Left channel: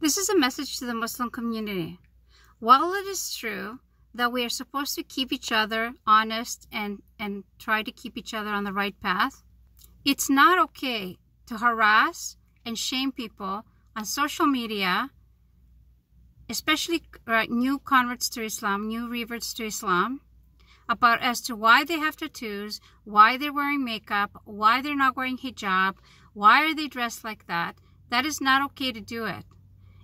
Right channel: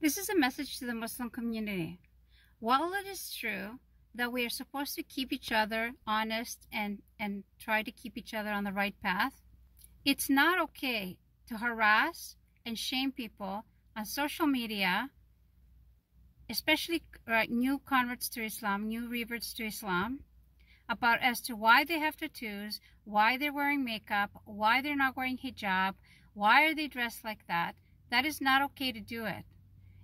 This is a message to the Muslim community. While it is true that we are supposed to keep each other honest and try to keep each other on the right path, it's not okay to harass and shame people on social media, especially new converts to Islam, new reverts to Islam, about as to why they have tattoos, why they're wearing makeup, why they're not wearing hijab, why are they dressed like that. That is not okay to do it.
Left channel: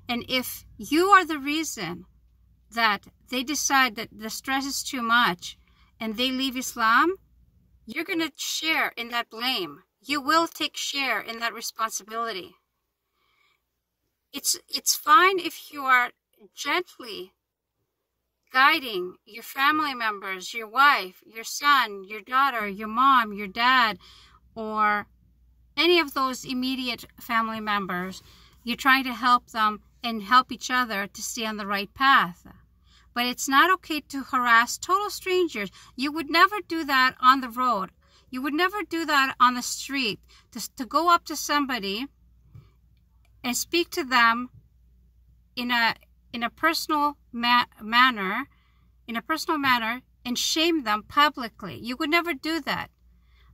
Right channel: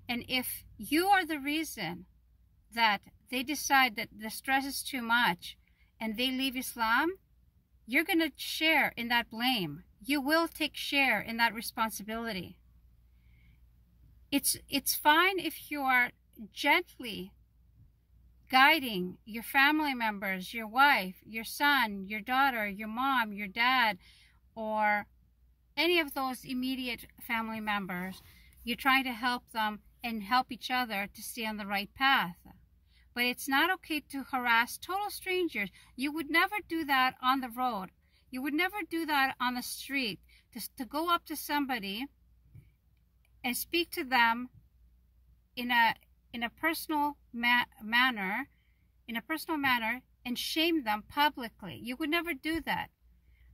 And if you are the reason that they decide that the stress is too much and they leave Islam, you're going to share in that blame. You will take share in that responsibility. It's fine if you are gently guiding your family members, your wife, your son, your daughter, your mom, your dad, or any of those immediate family members. You're trying to help them and help each other to stay on the right path. But it's not okay to harass total strangers. You would never do that on the road. You would never do that on the street, to go up to somebody and speak to them in a personal manner, and shame them publicly. You would never do that.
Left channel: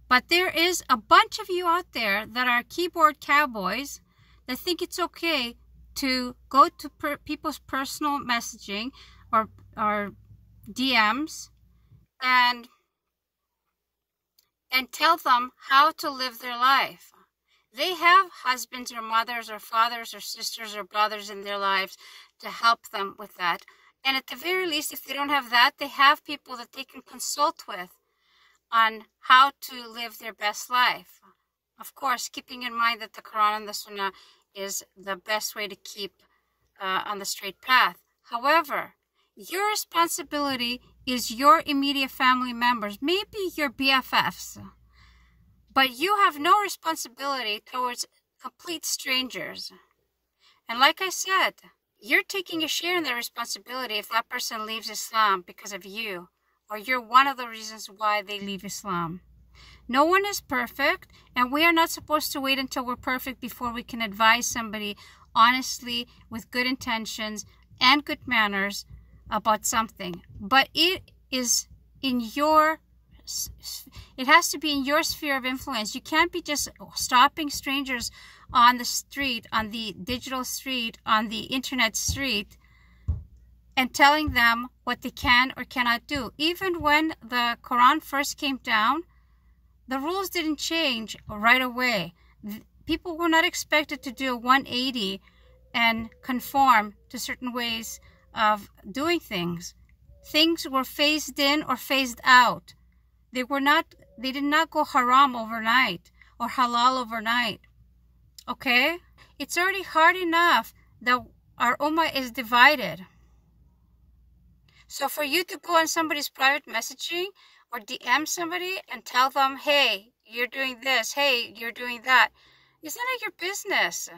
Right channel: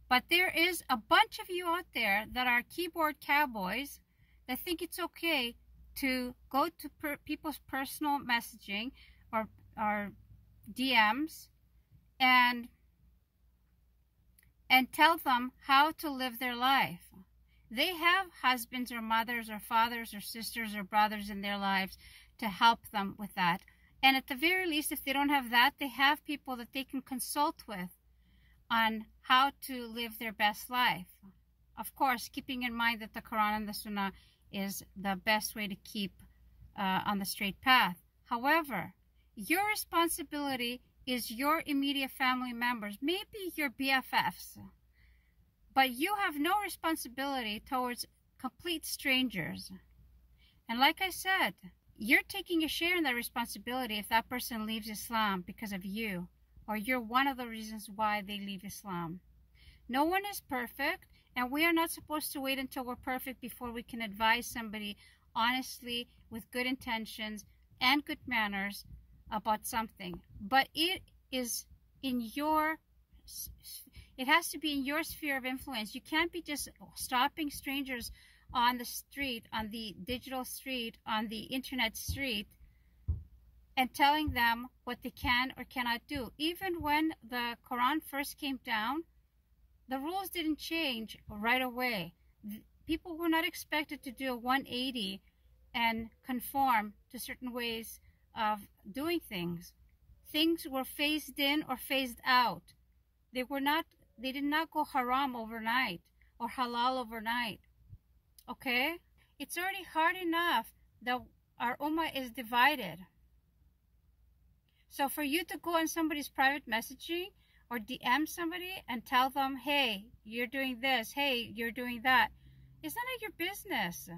But there is a bunch of you out there that are keyboard cowboys that think it's okay to go to people's personal messaging or DMs and tell them how to live their life. They have husbands or mothers or fathers or sisters or brothers in their lives to help them with that. And at the very least, if they don't have that, they have people that they can consult with on how to live their best life. Of course, keeping in mind that the Quran and the Sunnah is the best way to keep on the straight path. However, your responsibility is your immediate family members, maybe your BFFs, but you have no responsibility towards complete strangers. And like I said, you're taking a share in that responsibility if that person leaves Islam because of you, or you're one of the reasons why they leave Islam. No one is perfect, and we are not supposed to wait until we're perfect before we can advise somebody honestly with good intentions and good manners about something. But it has to be in your sphere of influence. You can't be just stopping strangers on the street, on the digital street, on the internet street, and telling them what they can or cannot do. Even when the Quran first came down, the rules didn't change right away. People were not expected to do a 180 and conform to certain ways of doing things. Things were phased in or phased out. They did not go haram overnight or halal overnight. Okay? It's already hard enough that our ummah is divided. So for you to go on somebody's private messaging or DM somebody and tell them, hey, you're doing this, hey, you're doing that, it's none of your business.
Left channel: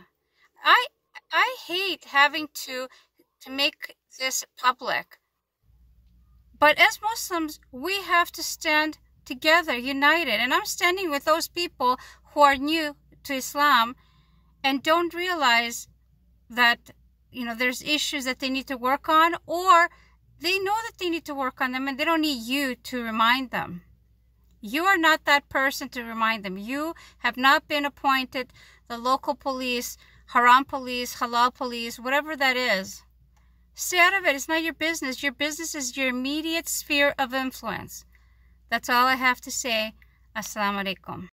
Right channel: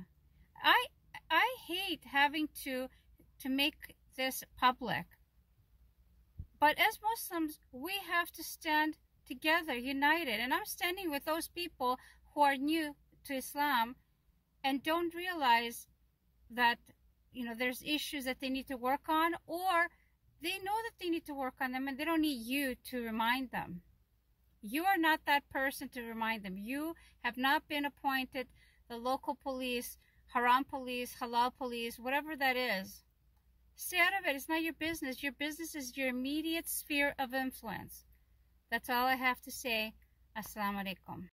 I hate having to make this public. But as Muslims, we have to stand together, united. And I'm standing with those people who are new to Islam and don't realize that, there's issues that they need to work on, or they know that they need to work on them and they don't need you to remind them. You are not that person to remind them. You have not been appointed the local police, haram police, halal police, whatever that is. Stay out of it. It's not your business. Your business is your immediate sphere of influence. That's all I have to say. Assalamu alaikum.